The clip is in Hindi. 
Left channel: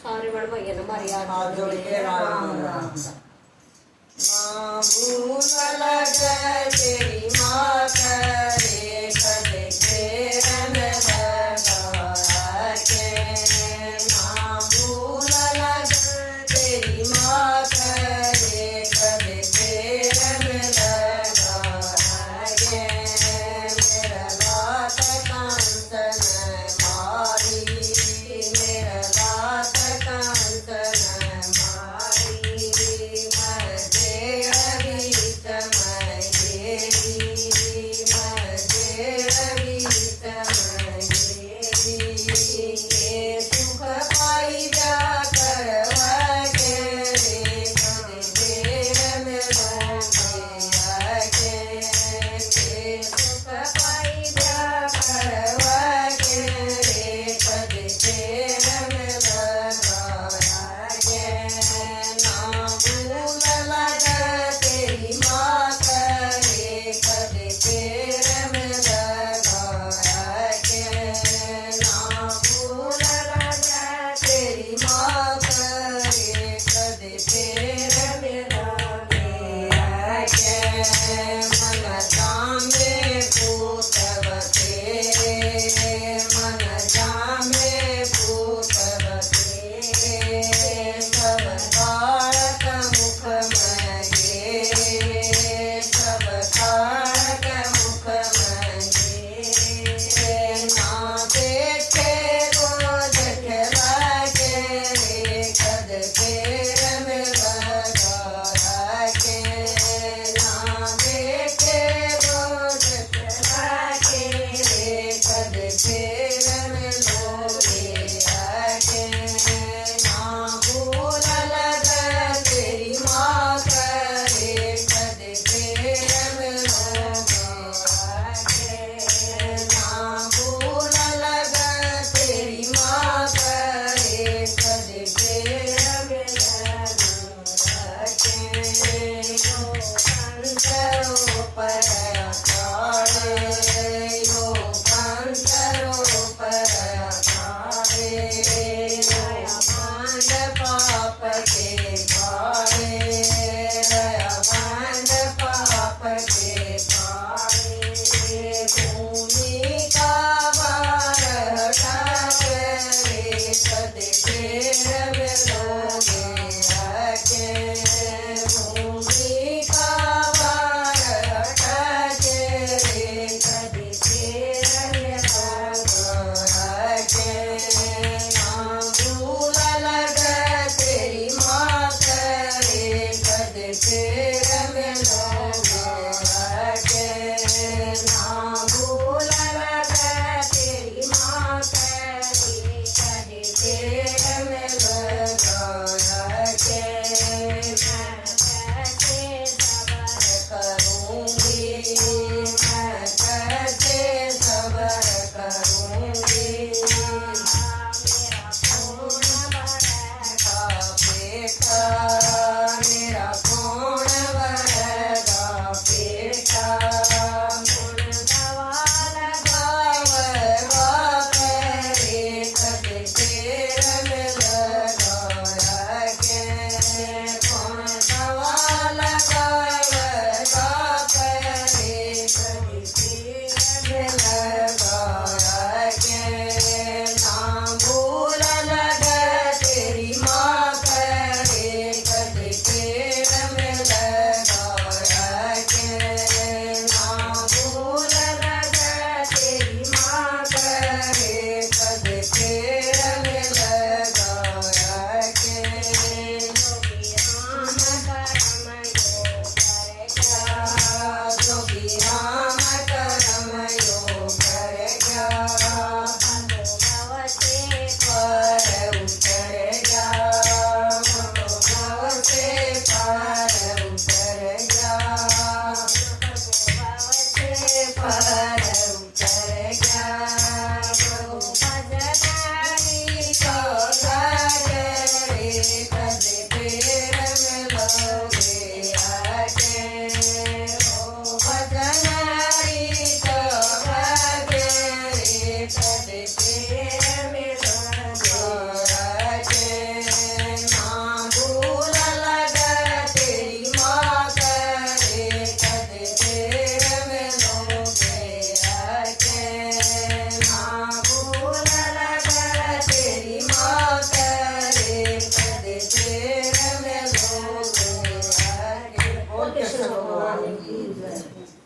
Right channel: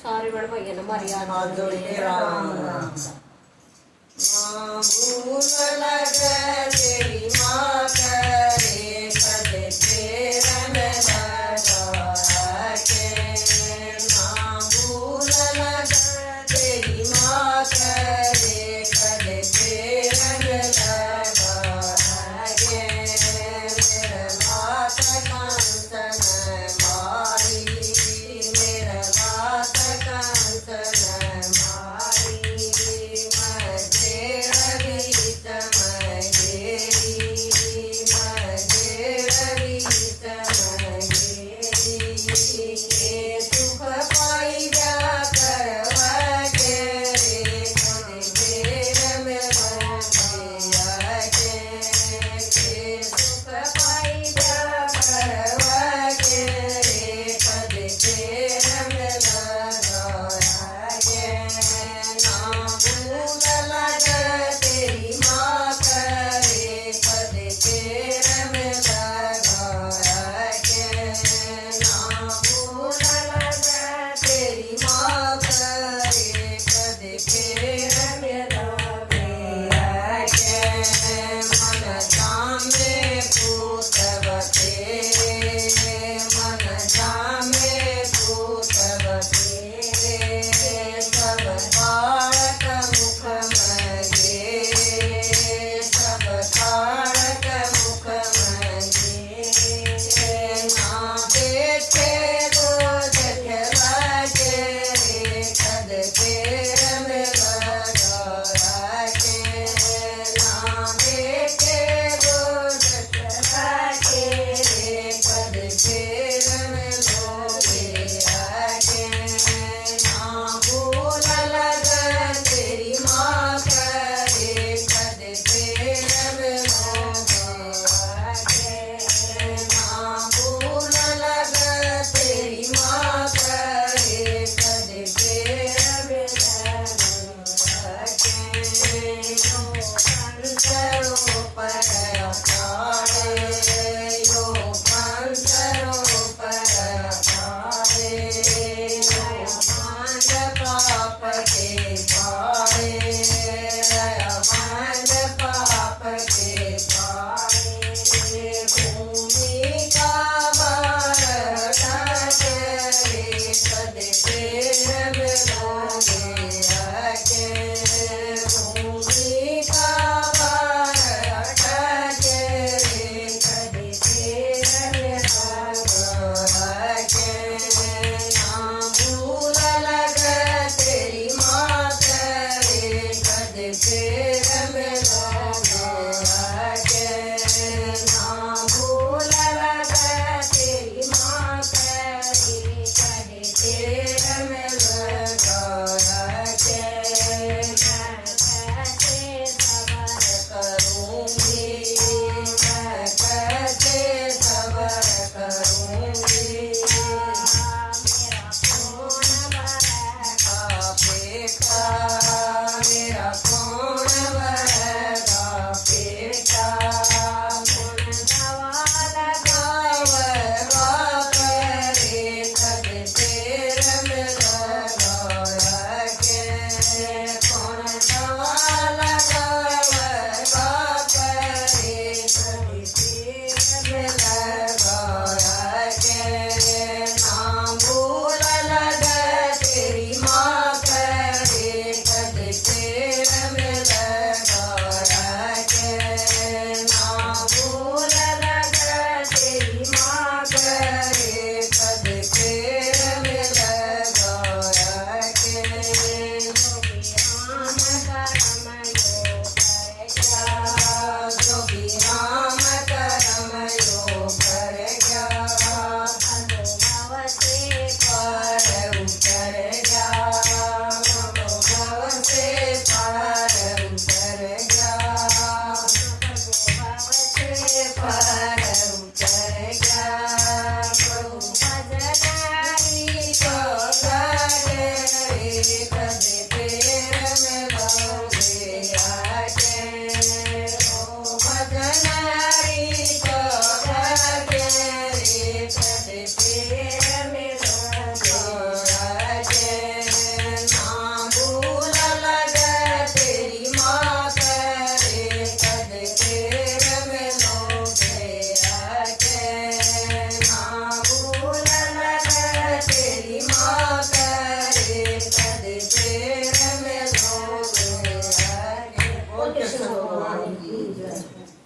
सारे बड़ भैया ने मारी हाथ जोड़ के राम राम। माँ भूल लगे तेरी माँ करे कद फेरन लगा के। माँ भूल लगे तेरी माँ करे कद फेरन लगा के। मेरा बात कांचन मारी, मेरा बात कांचन मारी। सुख पाई जा करवा के रे कद फेर में लगा के। सुख पाई जा करवा के रे कद फेर में लगा के। ना भूल लगे तेरी माँ करे कद फेर में लगा के। ना भूल लगे तेरी माँ करे कद फेर में लगा के। मन जामे पूतवते, मन जामे पूतवते। सब बालक मुख मगे, सब बालक मुख मगे। ना देखे रोज खेला के कद फेर में लगा के। ना देखे रोज खेला के कद फेर में लगा के। ना भूल लगे तेरी माँ करे कद फेर में लगा के। ना भूल लगे तेरी माँ करे कद फेर में लगा के। यो पंचरो पर पारे, यो पंचरो पर पारे। यो पांड पाप के पारे, पांड पाप के पारे। भूमि का भार ढाके कद फेर में लगा के। भूमि का भार ढाके कद फेर में लगा के। ना भूल लगे तेरी माँ करे कद फेर में लगा के। ना भूल लगे तेरी माँ करे कद फेर में लगा के। मैं कैसे सबर करूँगी, मैं कैसे सबर करूँगी। मेरा कौन भरेगा पेटा, मेरा कौन भरेगा पेटा। कौन दवा लगावेगा करे कद फेर में लगा के। कौन दवा लगावेगा करे कद फेर में लगा के। ना भूल लगे तेरी माँ करे कद फेर में लगा के। ना भूल लगे तेरी माँ करे कद फेर में लगा के। जोगी राम करम यो करेगा, भव से पार उतरेगा। भव से पार उतरेगा, भव से पार उतरेगा। प्रभु भजनारी को गारे कद फेर में लगे आके। ओ भजनारी को गारे कद फेर में लगे आके। कर